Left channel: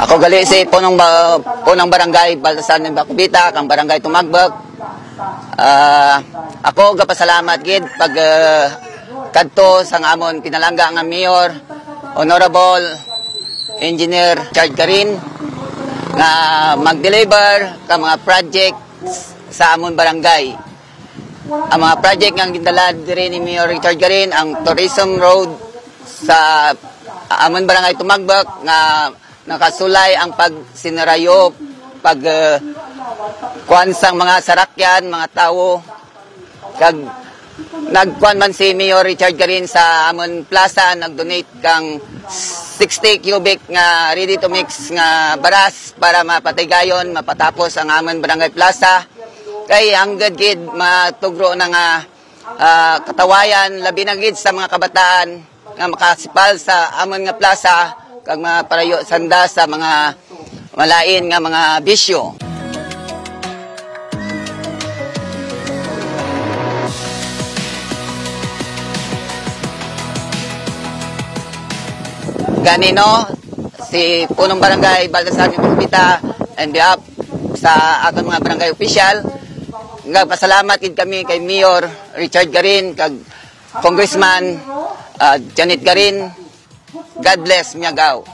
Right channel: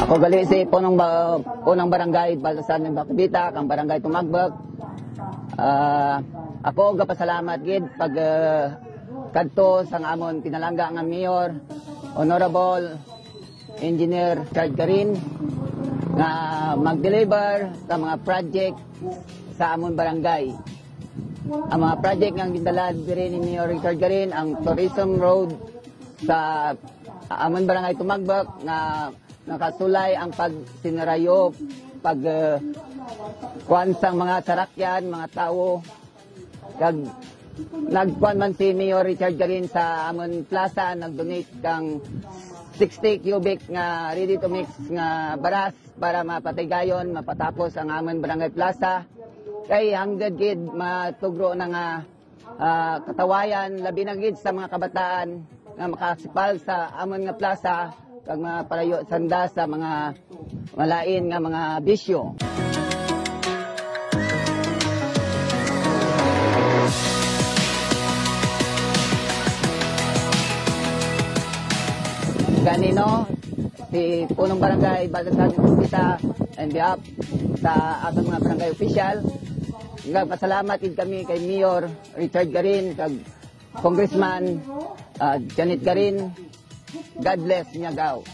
Ako gali si punong barangay Baltasan ng Bakubita, kang barangay Tumagbag. Ako gapasalamat gid pag kadto sang amon pinalangga nga mayor, Honorable Engineer Richard Garin nga mag-deliver ka mga project sa amon barangay. Ang mga project nga gindala diri ni Mayor Richard Garin ang tourism road sa amon barangay Tumagbag nga nakasulay ang pagsinarayo, kuan sang mga sarakyan, mga tao. Kag nagkuan man si Mayor Richard Garin sa amon plaza, nagdonate kang 60 cubic nga ready to mix nga baras para mapatigayon, mapatapos ang amon barangay plaza. Kay hanggad gid matugro na nga katawayan labi na gid sa mga kabataan nga makasipal sa amon nga plaza kag maparayo sanda sa mga malain nga mga bisyo. Ganino si punong barangay Baltasan ng Bakubita and behalf sa atong mga barangay official, nagpasalamat gid kami kay Mayor Richard Garin kag Congressman Janet Garin. God bless Miagao.